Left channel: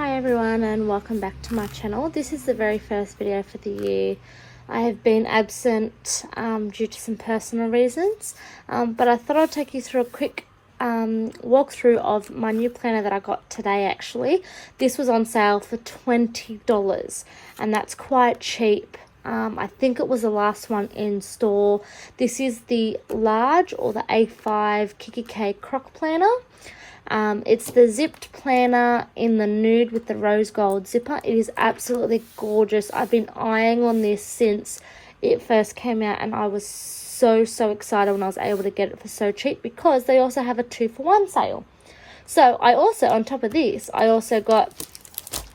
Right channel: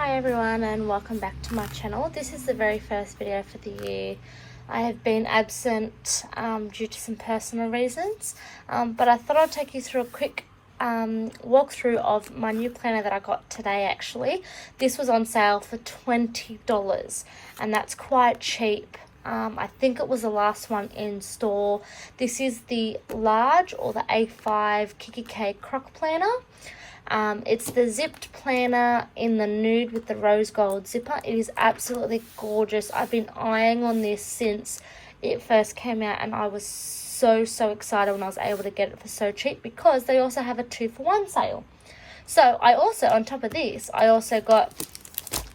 Hi everyone and welcome back to my channel. This is the very first video for the year. I have been absent due to some personal reasons, but I thought I'd take you through a quick walkthrough of my new planner that I got today actually. This was on sale for $20 and that's quite cheap. I think it was the last one in store. This is the large or the A5 Kiki K Croc planner. It's the zipped planner in the nude with the rose gold zipper. It is absolutely gorgeous. I've been eyeing on this since it first came out and I was so excited when I was able to get it for so cheap because they also have a 2-for-1 sale. So I also, on top of this, I also got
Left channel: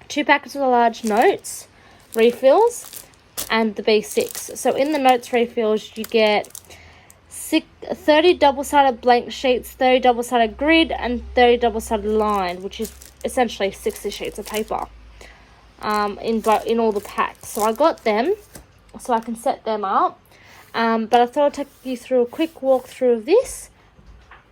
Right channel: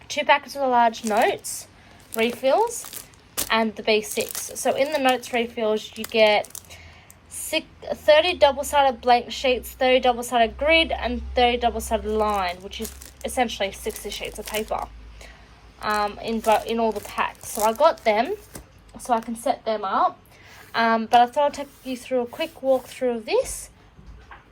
2 packets of the large notes, refills, and the B6. So in the notes refills you get 30 double-sided blank sheets, 30 double-sided grid, and 30 double-sided lined, which is essentially 60 sheets of paper in all the packs. So I got them so I can set them up, but I thought I'd take you through a quick walkthrough of this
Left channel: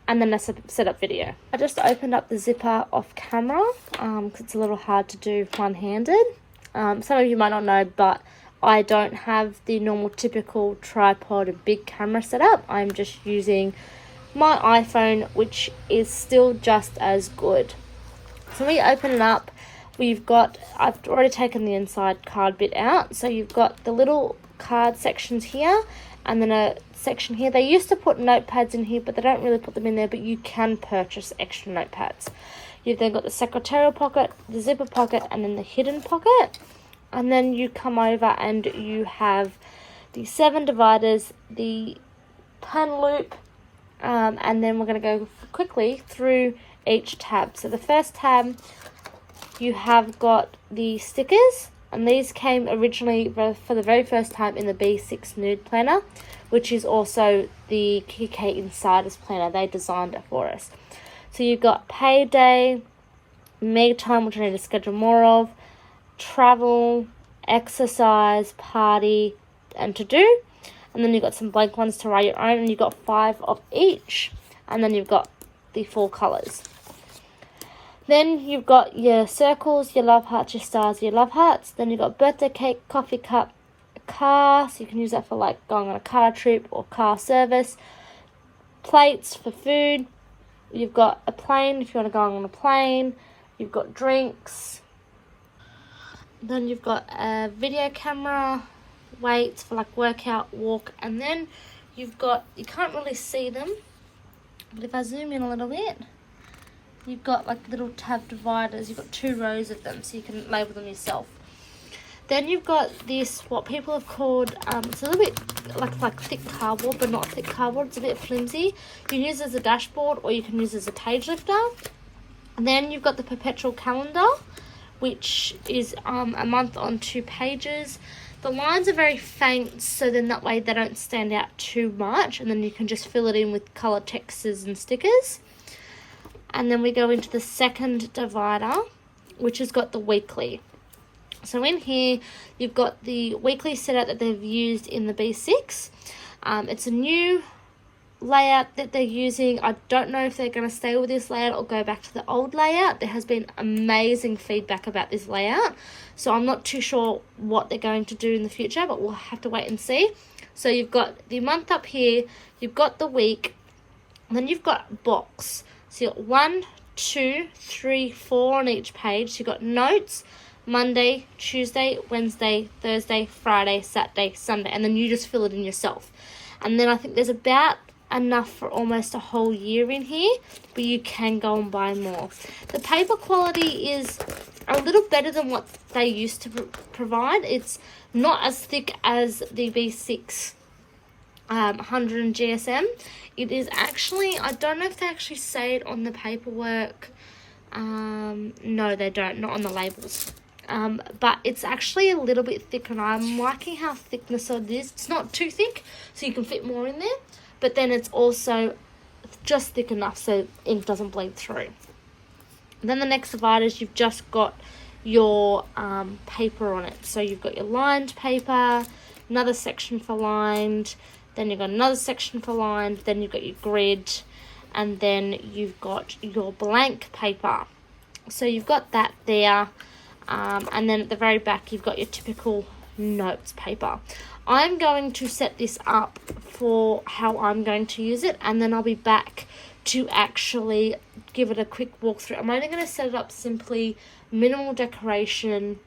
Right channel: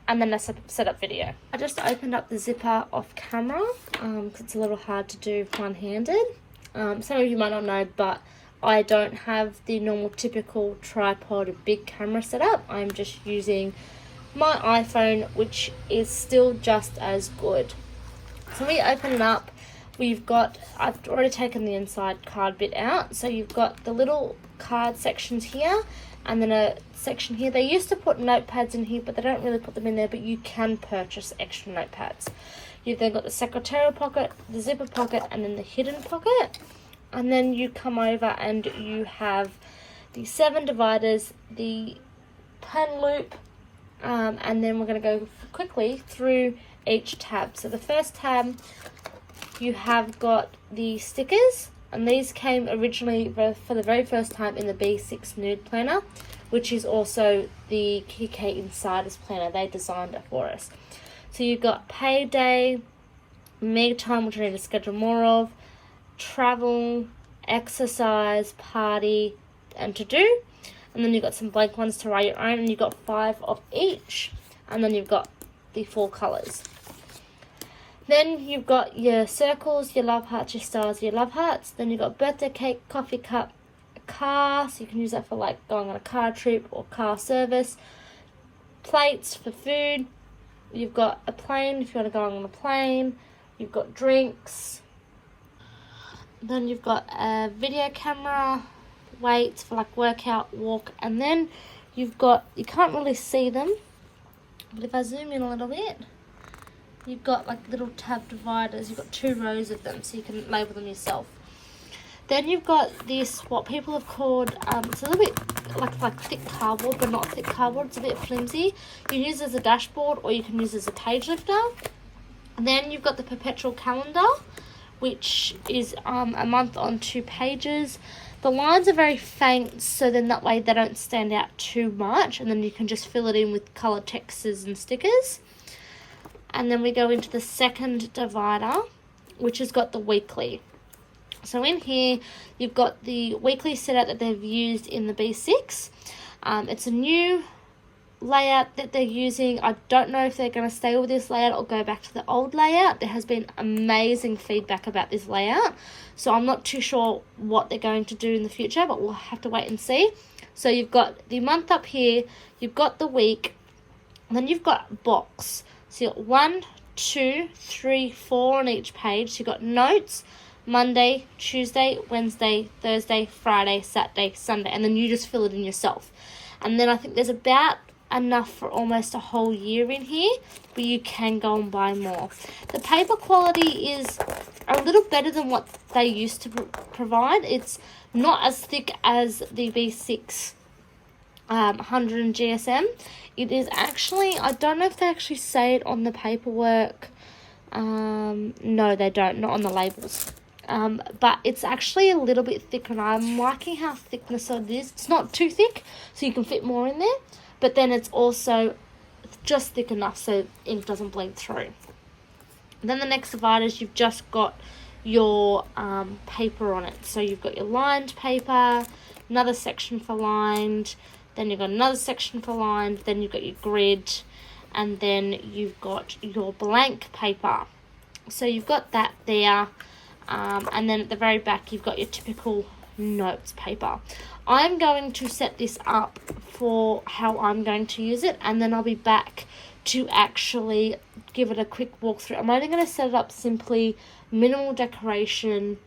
and then a setup video. I just opened up the zipper off camera because it's a little hard to do one-handed. Some of you might not know, but I don't have the normal typical tripod or big camera setup. I'm just using my iPhone, which is still just as good. So we open it up, I've already taken the inside card bit out. So you've got the little card sections here and then a section here. They used to put notepads in here, but they don't really put them in there, but you can purchase extra notepads. You've then got the secretarial pocket, the zipper pocket, and then the hidden pocket. And then you come over and you have the 7 dividers, the pen loop, and then we're going to go quickly through each tab. So the first tab, you have got the stickers, and these came originally for the very first time in the B6 Nude Planner, which is also the Kiki K Insiders Planner. They designed it for us. So you've got payday, mega time, which I need to schedule more of, travel, exercise, party, and to do, and then you've got some blank ones to write your own, and you've got 5 of each, and then you've got the 4 colors. Then you've got your circles, your love hearts, your stars, your love hearts. Then you've got birthday cake, coffee cup, a car, so you can use that for like going on a car trip or car service, plates for food. You've got a plane if you want to go on a plane. You've got drinks. Then you've got a video camera, weights for like workout, walk, and then you've got, you can't really see them, but if I zoom in a little bit, you've got like little tab dividers. You've got 2 rows of them, so you can label them yourself. Then you've got this, what people have called, it's a little bit like thick cardboard, but not thick cardboard. It's a bit flimsy. You can use it as a dashboard, or you can use it as a page lifter. And then you've got the Perpetual Calendar, which is a month on 2 pages. The lines are very faint, so then that way they don't stand out too much, and then you can just fill it in with colored texts and stickers. And then we go into the second divider, which has got the weekly. So in here you've got the weekly setup that they've used in the B6. It's a new layout that they're using. I don't know if they're going to stay with this layout or go back to the old layout. There has been amazing feedback about this layout, so I'm not too sure what they're going to do in the future, but we'll have to wait and see. So you've got the month up here, you've got the week, and then you've got box. So you've got 1, 2, 3, 4 on each page. So you've got notes, Monday, Tuesday, Wednesday, Thursday, Friday, Saturday, Sunday, and then you just fill it in yourself. And then I think there's about enough for almost a whole year in here, but you can go and buy more. The paper quality is a little better than what they used to provide. It's not as thick as the B6 100 and GSM. It is actually, I don't know if they actually say it on the paperwork. No, they don't, not on the labels. But it's actually a little bit thicker, and I'm liking how thickness it is. It's not too thick, so you can fit more in there. But then it's also just thick enough so ink doesn't bleed through. Then the next dividers, you've just got your paper on it. So you've got your lined paper, another section for lined, then you've got another section for lined, then you've got your grid, and then you've got your blank paper. So you've got that there, and then at the very back you've got your typical notes paper. I'm going to set this up for how I'm going to use it, and then I'll be back to actually give it a quick walkthrough. I'm only going to set it up simply, minimal decoration,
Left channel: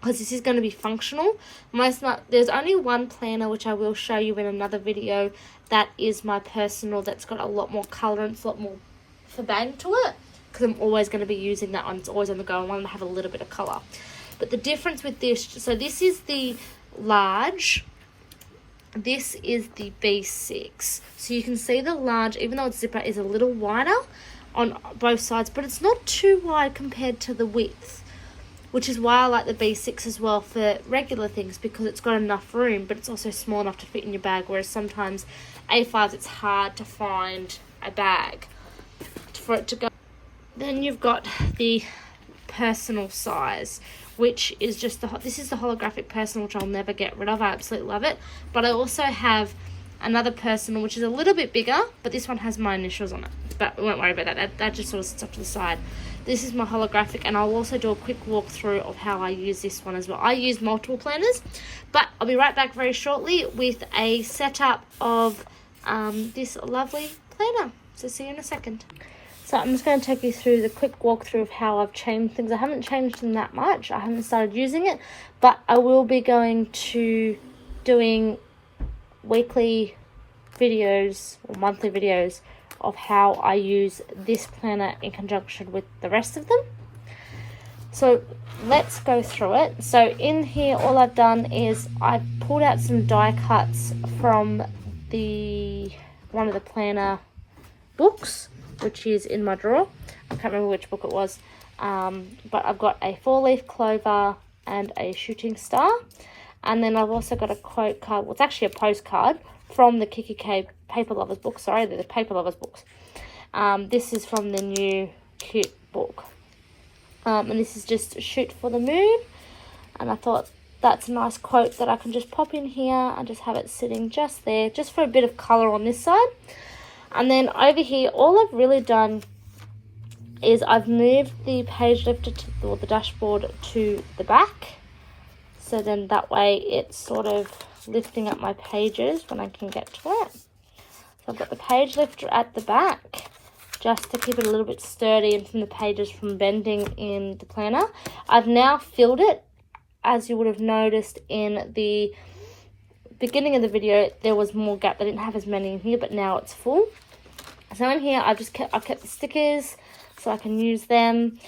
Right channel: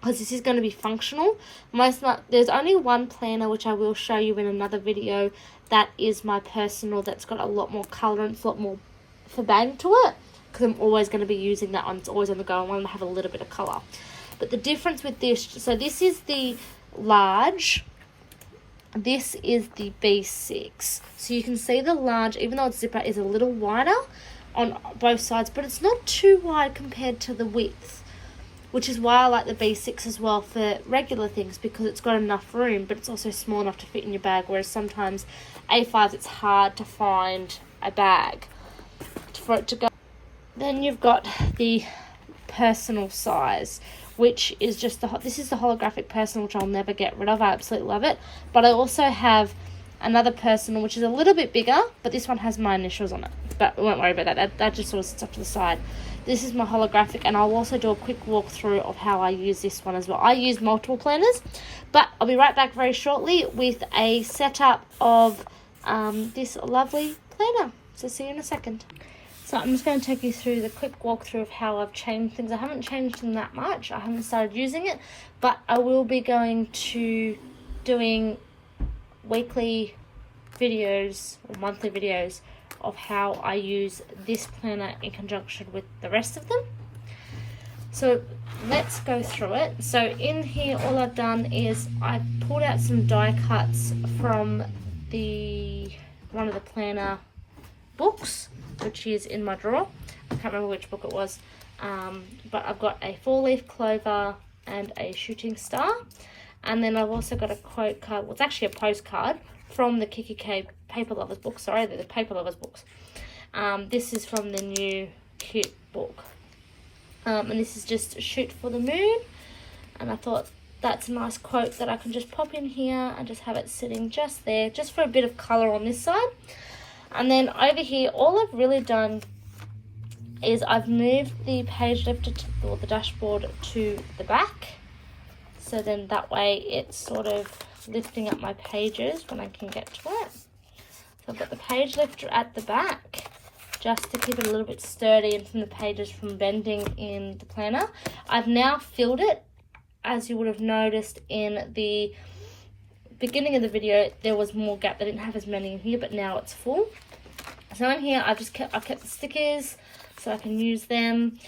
because this is going to be functional. There's only one planner, which I will show you in another video, that is my personal, that's got a lot more colour and it's a lot more bang to it, because I'm always going to be using that one. It's always on the go. I want to have a little bit of colour. But the difference with this, so this is the large, this is the B6. So you can see the large, even though its zipper is a little wider on both sides, but it's not too wide compared to the width, which is why I like the B6 as well for regular things, because it's got enough room, but it's also small enough to fit in your bag, whereas sometimes A5s, it's hard to find a bag for it to go. Then you've got the personal size, which is just this is the holographic personal, which I'll never get rid of. I absolutely love it. But I also have another personal, which is a little bit bigger, but this one has my initials on it. But we won't worry about that. That just sort of sits up to the side. This is my holographic, and I'll also do a quick walkthrough of how I use this one as well. I use multiple planners, but I'll be right back very shortly with a setup of this lovely planner. So see you in a second. So I'm just going to take you through the quick walkthrough of how I've changed things. I haven't changed them that much. I haven't started using it, but I will be going to doing weekly videos or monthly videos of how I use this planner in conjunction with the rest of them. So let's go through it. So in here, all I've done is I pulled out some die cuts from one of the planner books, which is in my drawer. I can't remember which book it was, but I've got a 4-leaf clover and a shooting star, and then I've also got a quote card. Well, it's actually a postcard from the Kiki K Paper Lovers book. Sorry, they're the Paper Lovers books. This is from the new cute book, and this is just Shoot for the Moon, and I thought that's a nice quote that I can just pop in here and just have it sitting just there, just for a bit of colour on this side. And then over here, all I've really done is I've moved the page lifter or the dashboard to the back. So then that way it's sort of lifting up my pages when I can get to it. So I've got the page lifter at the back, just to keep it a little bit sturdy and from the pages from bending in the planner. I've now filled it. As you would have noticed in the beginning of the video, there was more gap. I didn't have as many in here, but now it's full. So in here, I've kept the stickers so I can use them,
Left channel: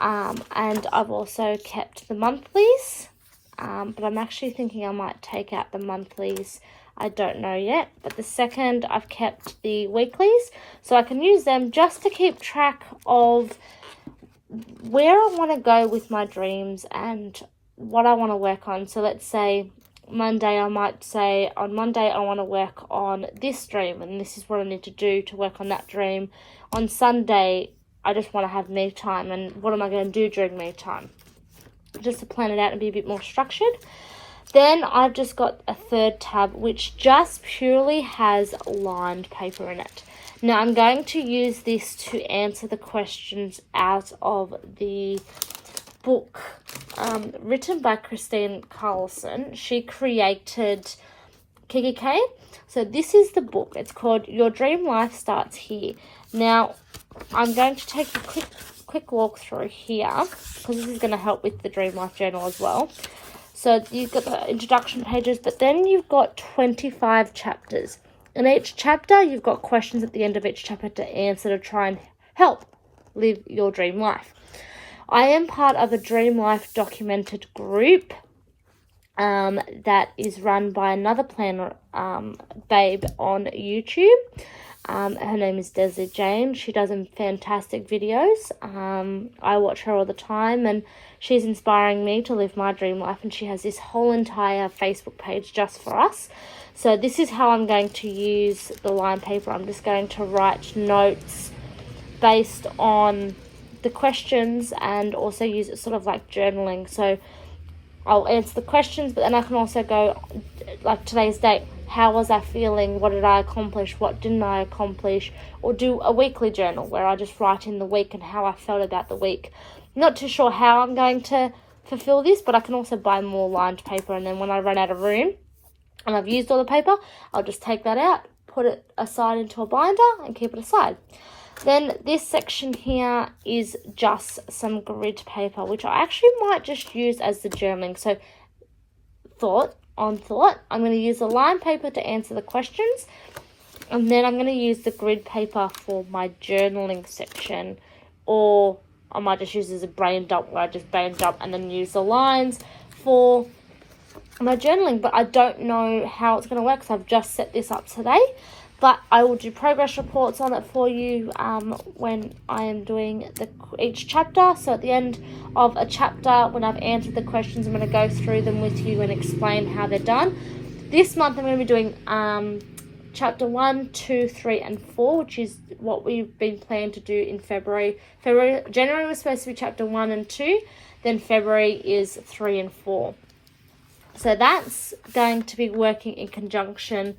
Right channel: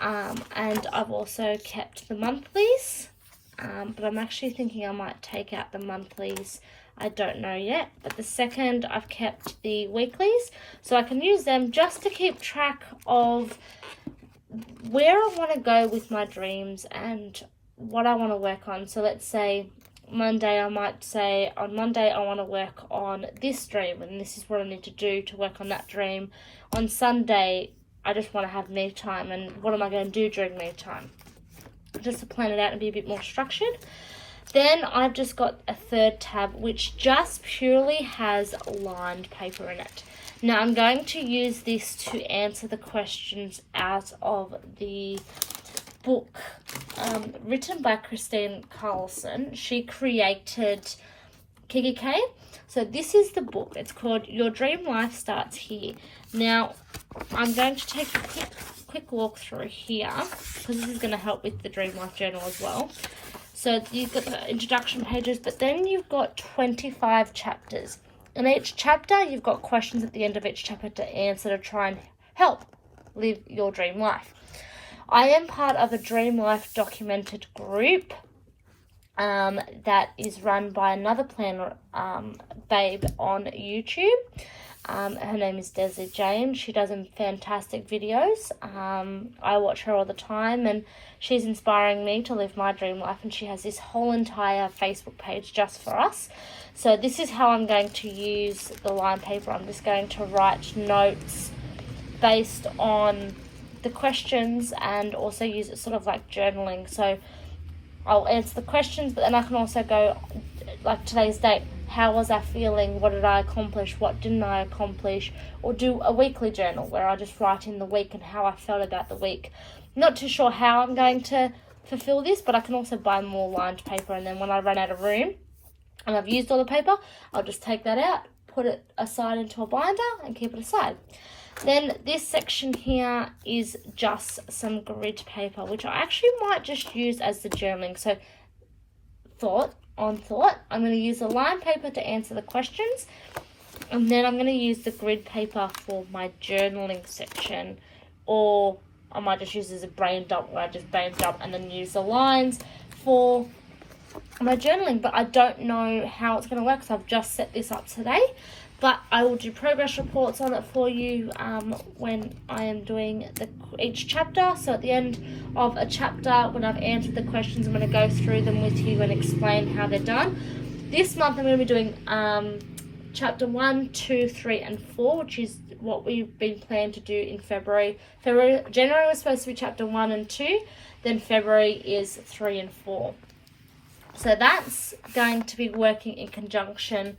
and I've also kept the monthlies, but I'm actually thinking I might take out the monthlies. I don't know yet, but the second I've kept the weeklies, so I can use them just to keep track of where I want to go with my dreams and what I want to work on. So let's say Monday, I might say on Monday I want to work on this dream, and this is what I need to do to work on that dream. On Sunday, I just want to have me time, and what am I going to do during me time, just to plan it out and be a bit more structured. Then I've just got a third tab which just purely has lined paper in it. Now I'm going to use this to answer the questions out of the book written by Christine Carlson. She created Kiki K. So this is the book. It's called Your Dream Life Starts Here. Now I'm going to take a quick walk through here, because this is going to help with the Dream Life Journal as well. So you've got the introduction pages, but then you've got 25 chapters. In each chapter, you've got questions at the end of each chapter to answer, to try and help live your dream life. I am part of a Dream Life documented group that is run by another planner babe on YouTube. Her name is Desi James. She does some fantastic videos. I watch her all the time, and she's inspiring me to live my dream life, and she has this whole entire Facebook page just for us. So this is how I'm going to use the line paper. I'm just going to write notes based on the questions, and also use it sort of like journaling. So I'll answer the questions, but then I can also go, like today's date, how was I feeling, what did I accomplish, what didn't I accomplish, or do a weekly journal where I just write in the week and how I felt about the week. Not too sure how I'm going to fulfill this, but I can also buy more lined paper, and then when I run out of room and I've used all the paper, I'll just take that out, put it aside into a binder and keep it aside. Then this section here is just some grid paper, which I actually might just use as the journaling. So I'm going to use the lined paper to answer the questions, and then I'm going to use the grid paper for my journaling section, or I might just use it as a brain dump where I just brain dump and then use the lines for my journaling. But I don't know how it's going to work because I've just set this up today. But I will do progress reports on it for you when I am doing each chapter. So at the end of a chapter, when I've answered the questions, I'm going to go through them with you and explain how they're done. This month I'm going to be doing chapter 1, 2, 3, and 4, which is what we've been planning to do in February. January was supposed to be chapter 1 and 2, then February is 3 and 4. So that's going to be working in conjunction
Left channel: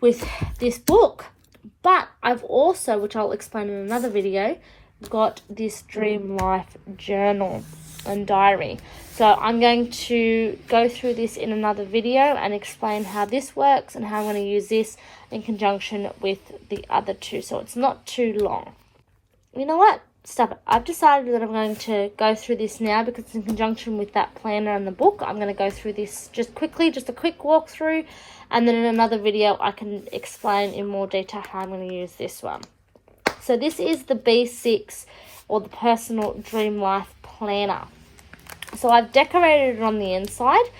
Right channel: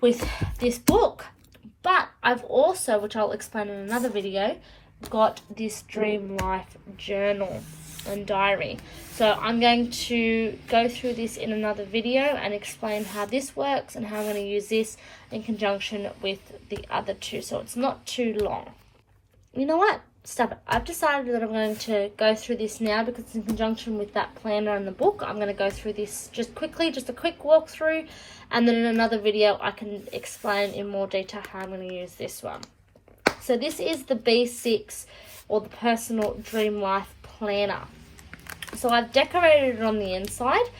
with this book. But I've also, which I'll explain in another video, got this Dream Life journal and diary. So I'm going to go through this in another video and explain how this works and how I'm going to use this in conjunction with the other two, so it's not too long. You know what? Stop it. I've decided that I'm going to go through this now because it's in conjunction with that planner and the book. I'm going to go through this just quickly, just a quick walkthrough, and then in another video I can explain in more detail how I'm going to use this one. So this is the B6, or the Personal Dream Life Planner. So I've decorated it on the inside.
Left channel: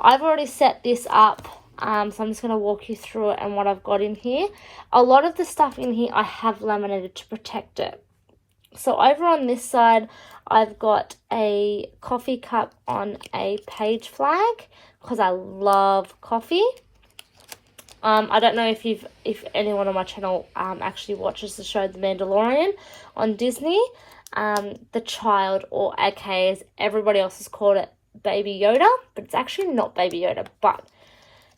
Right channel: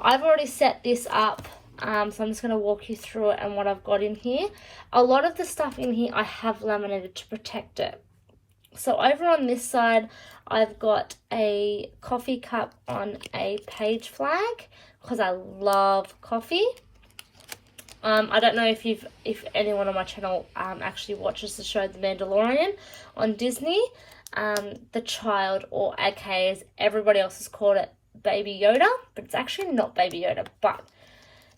I've already set this up, so I'm just going to walk you through it and what I've got in here. A lot of the stuff in here I have laminated to protect it. So over on this side, I've got a coffee cup on a page flag because I love coffee. I don't know if anyone on my channel actually watches the show The Mandalorian on Disney. The child, or aka as everybody else has called it, Baby Yoda, but it's actually not Baby Yoda, but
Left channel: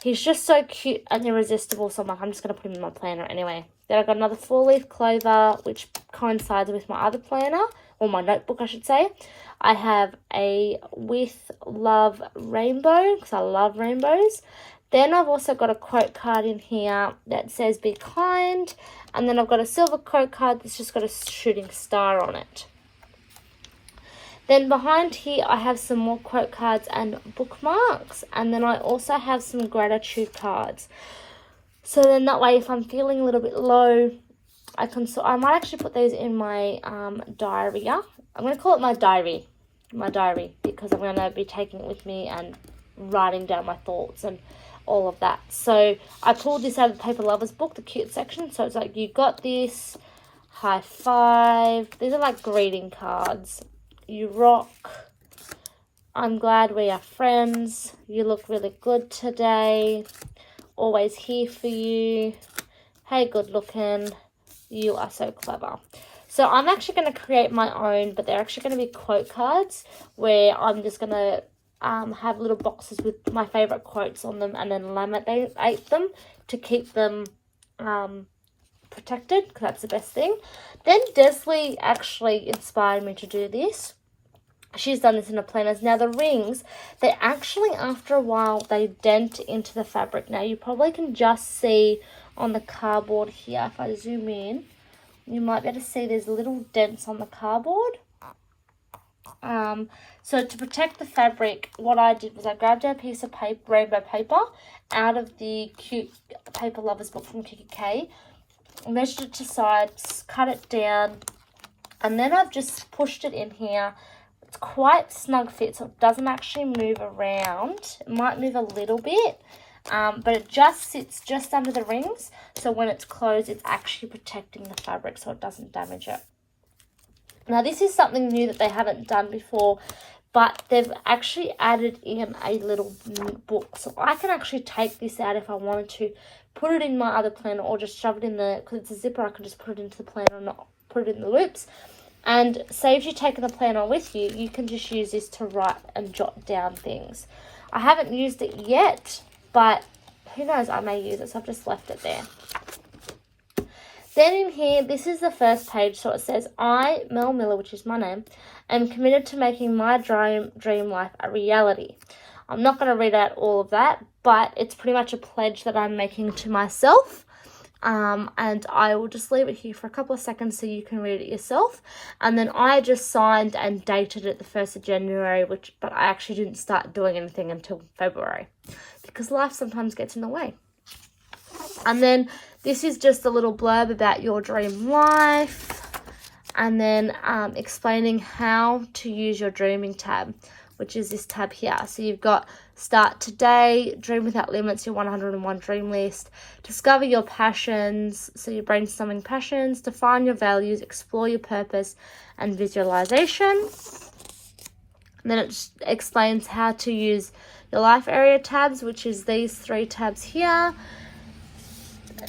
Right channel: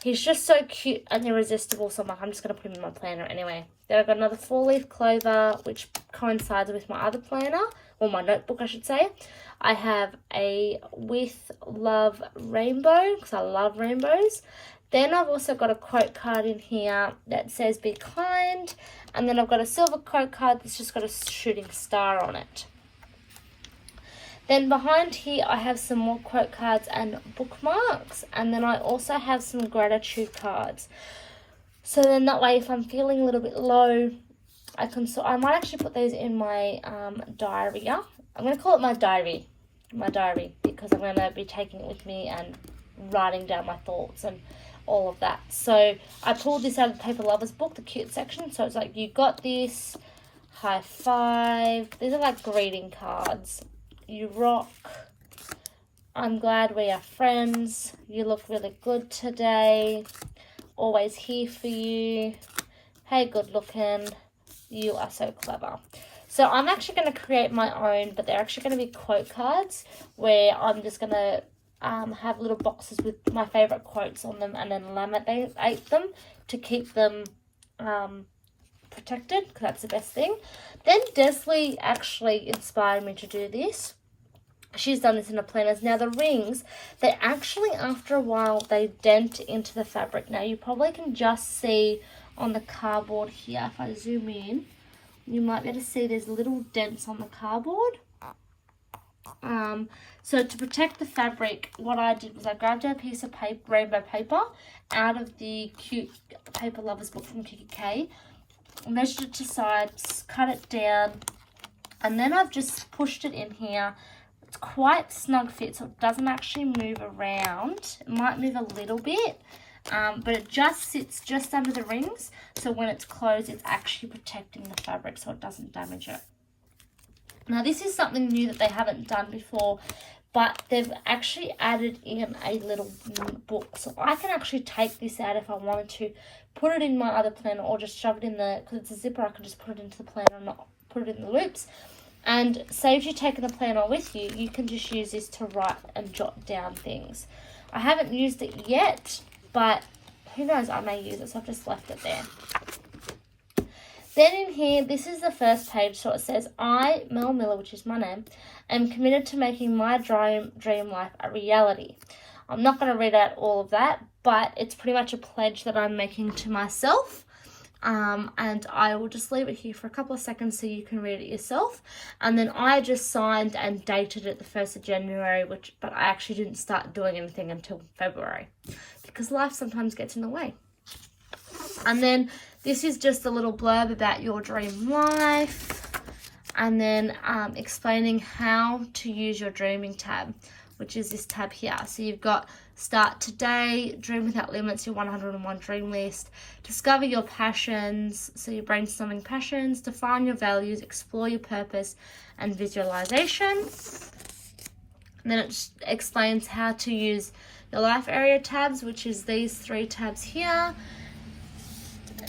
he's just so cute and irresistible, so I'm just going to put him in my planner anyway. Then I've got another 4-leaf clover, which coincides with my other planner, or my notebook I should say. I have a With Love rainbow, because I love rainbows. Then I've also got a quote card in here that says be kind. And then I've got a silver quote card that's just got a shooting star on it. Then behind here I have some more quote cards and bookmarks. And then I also have some gratitude cards. So then that way if I'm feeling a little bit low, I might actually put these in my diary. I'm going to call it my diary, because I'm going to be taking it with me and writing down my thoughts and all of that. So I pulled this out of the Paper Lovers book, the cute section. So it's like, you got this, high five. These are like greeting cards. You rock. I'm glad we are friends. You look really good today. Always here for you. Hey, good looking. You are so clever. So I'm actually going to create my own, but they're actually going to be quote cards where I'm just going to have little boxes with my favorite quotes on them and then laminate them to keep them protected, because that's the best thing. Then Desley actually inspired me to do this. She's done this in her planners. Now the rings, they actually, after a while, they dent into the fabric. Now you probably can just see on the cardboard here, if I zoom in, you might be able to see there's little dents on the cardboard. So to protect the fabric, what I did was I grabbed a piece of paper, rainbow paper, out of the cute Paper Lovers book from KK, measured it to size, cut it down, and then I've just pushed it in here. It's quite snug fit, so it doesn't actually move around. It might move a little bit, but it just sits just under the rings, so when it's closed, it's actually protecting the fabric so it doesn't damage it. Now this is something new that they haven't done before, but they've actually added in a little book. So I can actually take this out if I wanted to, put it in my other planner, or just shove it in the, because it's a zipper, I can just put it into the planner and not put it in the loops. And say if you're taking the planner with you, you can just use this to write and jot down things. I haven't used it yet, but who knows, I may use it, so I've just left it there. Then in here, this is the first page, so it says, I, Mel Miller, which is my name, am committed to making my dream life a reality. I'm not going to read out all of that, but it's pretty much a pledge that I'm making to myself. And I will just leave it here for a couple of seconds so you can read it yourself. And then I just signed and dated it the 1st of January, but I actually didn't start doing anything until February because life sometimes gets in the way. And then this is just a little blurb about your dream life, and then explaining how to use your dreaming tab, which is this tab here. So you've got Start Today, Dream Without Limits, your 101 dream list, discover your passions, so you're brainstorming passions, define your values, explore your purpose, and visualization. And then it explains how to use your life area tabs, which is these 3 tabs here.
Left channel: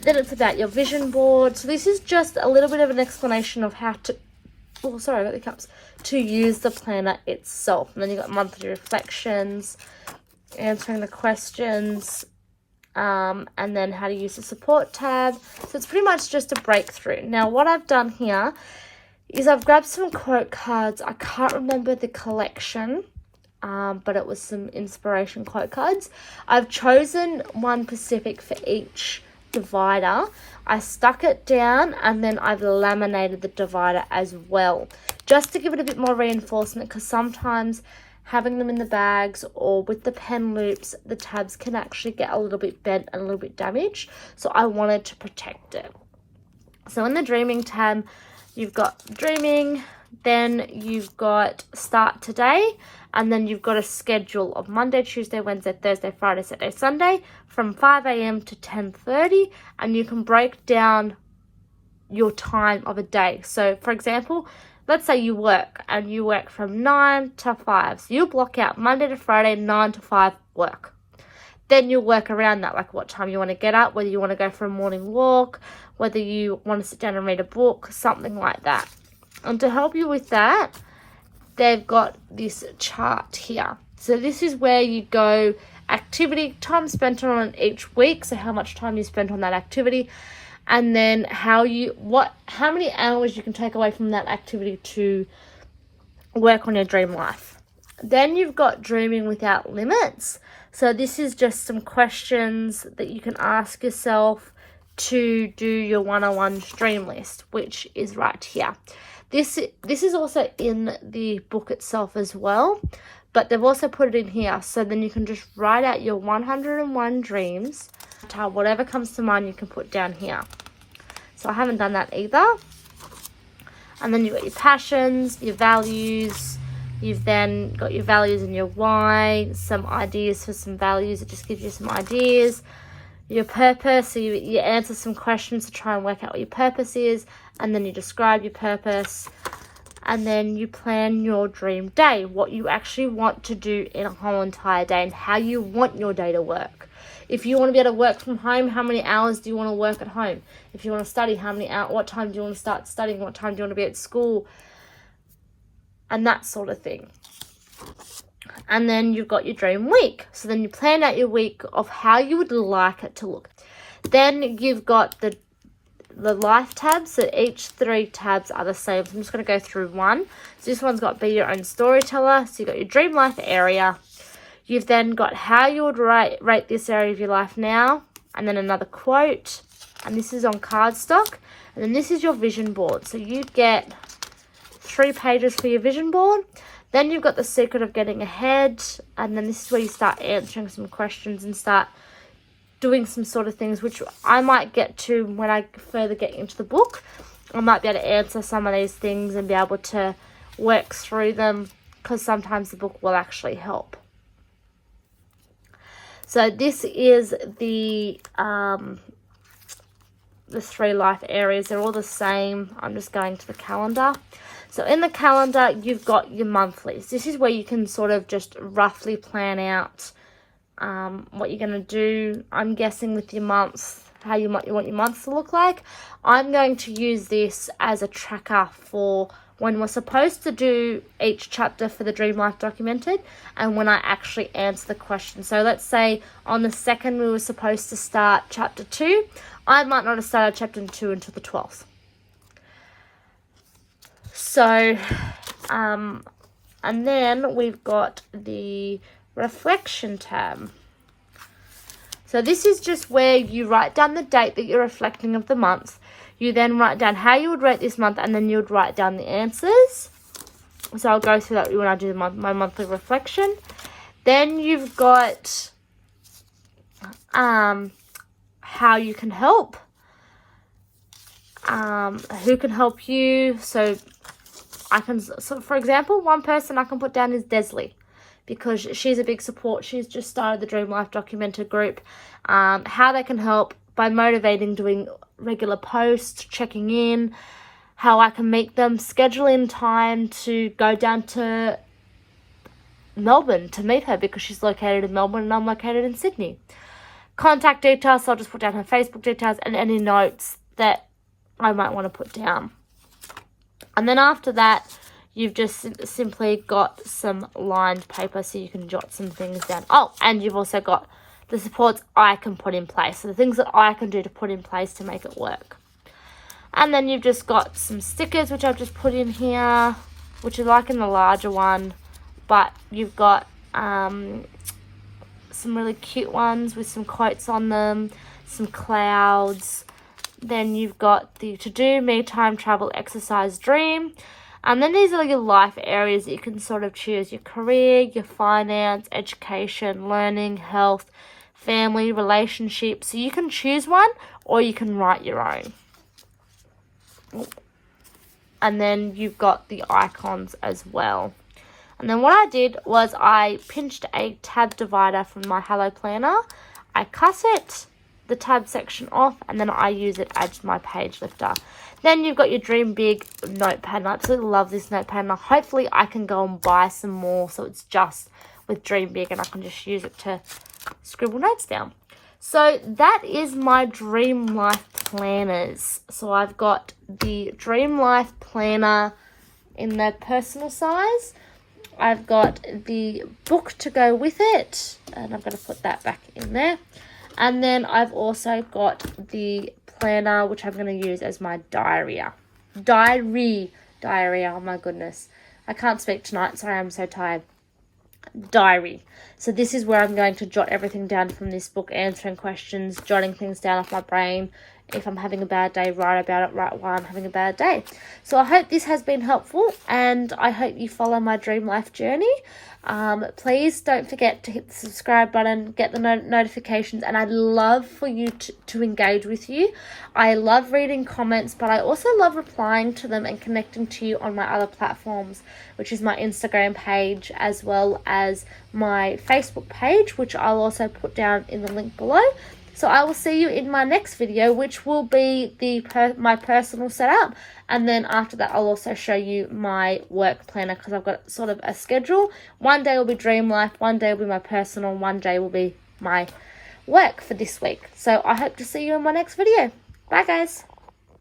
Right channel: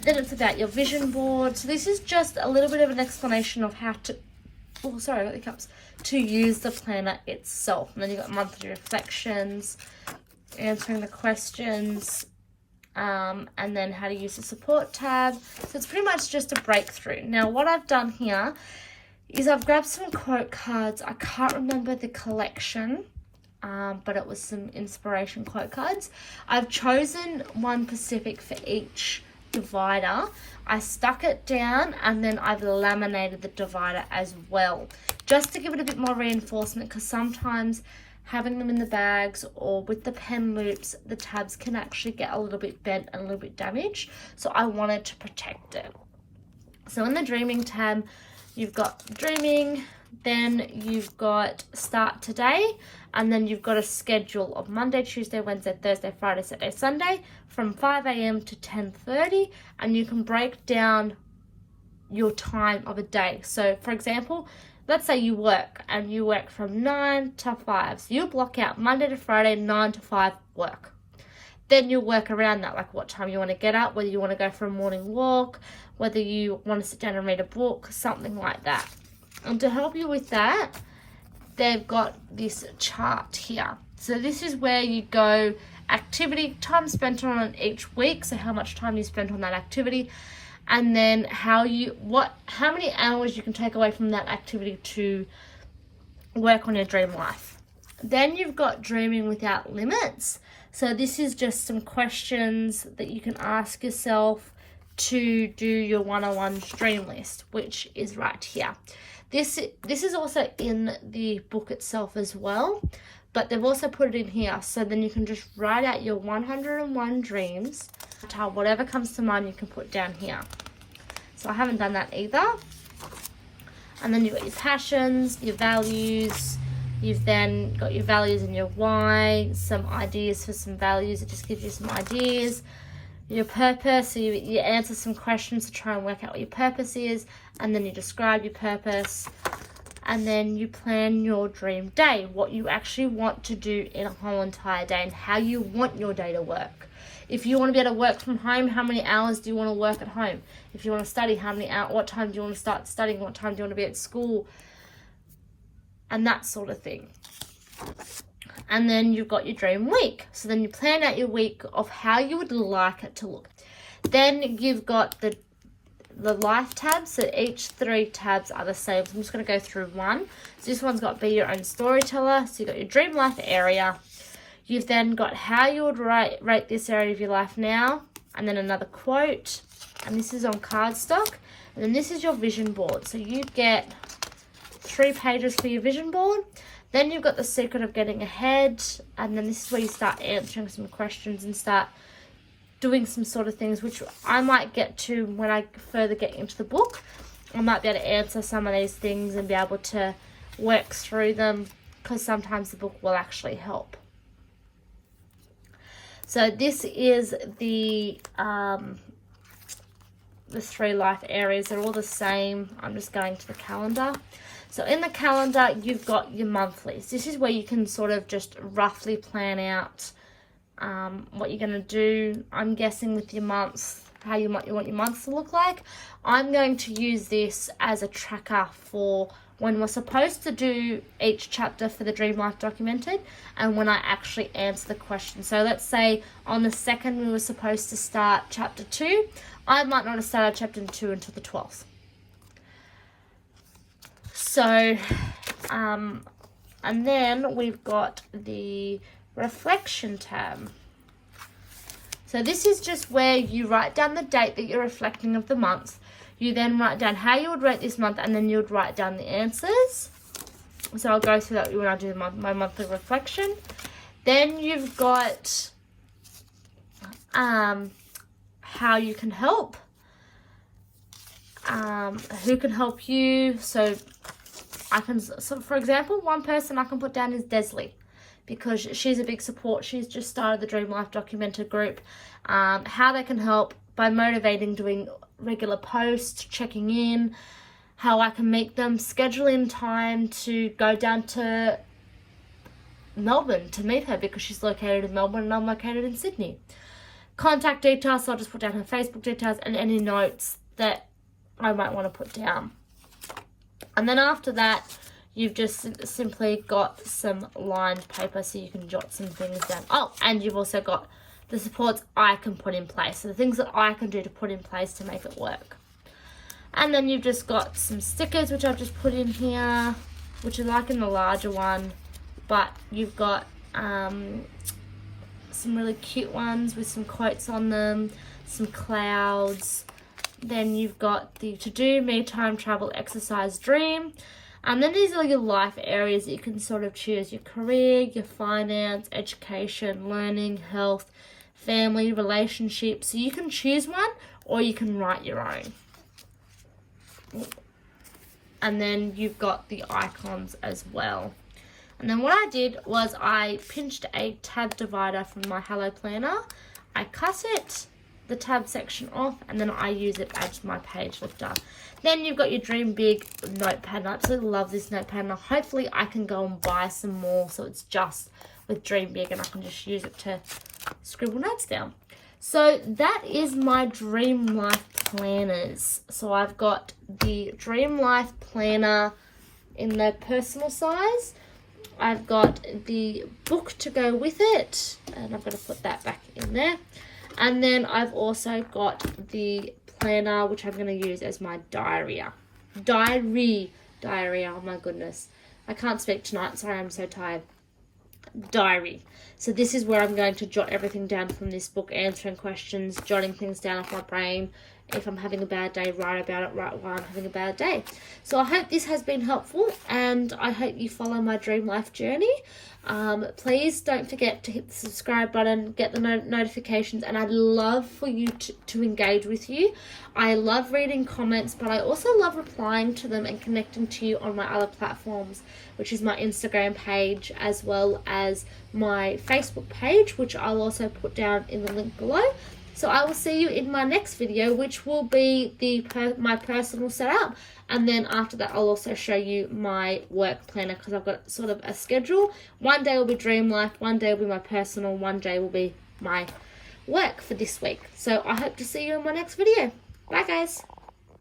Then it's about your vision board. So this is just a little bit of an explanation of how to, oh, sorry about the cups, to use the planner itself. And then you've got monthly reflections, answering the questions, and then how to use the support tab. So it's pretty much just a breakthrough. Now what I've done here is I've grabbed some quote cards. I can't remember the collection, but it was some inspiration quote cards. I've chosen one specific for each divider. I stuck it down and then I've laminated the divider as well, just to give it a bit more reinforcement, because sometimes having them in the bags or with the pen loops, the tabs can actually get a little bit bent and a little bit damaged. So I wanted to protect it. So in the dreaming tab, you've got dreaming, then you've got Start Today, and then you've got a schedule of Monday, Tuesday, Wednesday, Thursday, Friday, Saturday, Sunday from 5 a.m. to 10:30, and you can break down your time of a day. So for example, let's say you work and you work from 9 to 5. So you block out Monday to Friday, 9 to 5 work. Then you work around that, like what time you want to get up, whether you want to go for a morning walk, whether you want to sit down and read a book, something like that. And to help you with that, they've got this chart here. So this is where you go activity, time spent on it each week, so how much time you spent on that activity, and then how many hours you can take away from that activity to work on your dream life. Then you've got Dreaming Without Limits. So this is just some questions that you can ask yourself to do your 101 dream list, which is right here. This is also in the book itself as well, but they've also put it in here, so then you can just write out your 101 dreams. Whatever comes to mind you can put down here. So I haven't done that either. And then you've got your passions, your values. You've then got your values and your why, some ideas for some values. It just gives you some ideas. Your purpose, so you answer some questions to try and work out what your purpose is, and then you describe your purpose, and then you plan your dream day, what you actually want to do in a whole entire day and how you want your day to work. If you want to be able to work from home, how many hours do you want to work at home? If you want to study, how many hours, what time do you want to start studying, what time do you want to be at school, and that sort of thing. And then you've got your dream week. So then you plan out your week of how you would like it to look. Then you've got the life tabs. So each 3 tabs are the same. So I'm just going to go through one. So this one's got Be Your Own Storyteller. So you've got your dream life area. You've then got how you would rate this area of your life now. And then another quote. And this is on cardstock. And then this is your vision board. So you get 3 pages for your vision board. Then you've got the secret of getting ahead, and then this is where you start answering some questions and start doing some sort of things, which I might get to when I further get into the book. I might be able to answer some of these things and be able to work through them, because sometimes the book will actually help. So this is the 3 life areas. They're all the same. I'm just going to the calendar. So in the calendar, you've got your monthlies. This is where you can sort of just roughly plan out what you're going to do. I'm guessing with your months, how you want your months to look like. I'm going to use this as a tracker for when we're supposed to do each chapter for the Dream Life Documented and when I actually answer the question. So let's say on the 2nd we were supposed to start chapter 2. I might not have started chapter 2 until the 12th. So, and then we've got the reflection tab. So this is just where you write down the date that you're reflecting of the month. You then write down how you would rate this month, and then you would write down the answers. So I'll go through that when I do my monthly reflection. Then you've got how you can help. Who can help you. So for example, one person I can put down is Desley, because she's a big support. She's just started the Dream Life Documented group. How they can help by motivating, doing regular posts, checking in, how I can meet them, schedule in time to go down to Melbourne to meet her because she's located in Melbourne and I'm located in Sydney. Contact details, so I'll just put down her Facebook details and any notes that I might want to put down. And then after that, you've just simply got some lined paper so you can jot some things down. Oh, and you've also got the supports I can put in place. So the things that I can do to put in place to make it work. And then you've just got some stickers, which I've just put in here, which is like in the larger one. But you've got some really cute ones with some quotes on them, some clouds. Then you've got the to-do, me, time, travel, exercise, dream. And then these are your life areas that you can sort of choose. Your career, your finance, education, learning, health, family, relationships. So you can choose one or you can write your own. And then you've got the icons as well. And then what I did was I pinched a tab divider from my Hello Planner. I cut it, the tab section off, and then I use it as my page lifter. Then you've got your Dream Big notepad. I absolutely love this notepad. Now hopefully I can go and buy some more so it's just with Dream Big and I can just use it to scribble notes down. So that is my Dream Life planners. So I've got the Dream Life planner in their personal size. I've got the book to go with it, and I'm going to put that back in there. And then I've also got the planner, which I'm going to use as my diary, oh my goodness. I can't speak tonight, sorry, I'm so tired. Diary. So this is where I'm going to jot everything down from this book, answering questions, jotting things down off my brain. If I'm having a bad day, write about it right while I'm having a bad day. So I hope this has been helpful, and I hope you follow my Dream Life journey. Please don't forget to hit the subscribe button, get the notifications, and I'd love for you to engage with you. I love reading comments, but I also love replying to them and connecting to you on my other platforms, which is my Instagram page as well as my Facebook page, which I'll also put down in the link below. So I will see you in my next video, which will be my personal setup. And then after that, I'll also show you my work planner because I've got sort of a schedule. One day will be Dream Life, one day will be my personal, one day will be my work for this week. So I hope to see you in my next video. Bye, guys.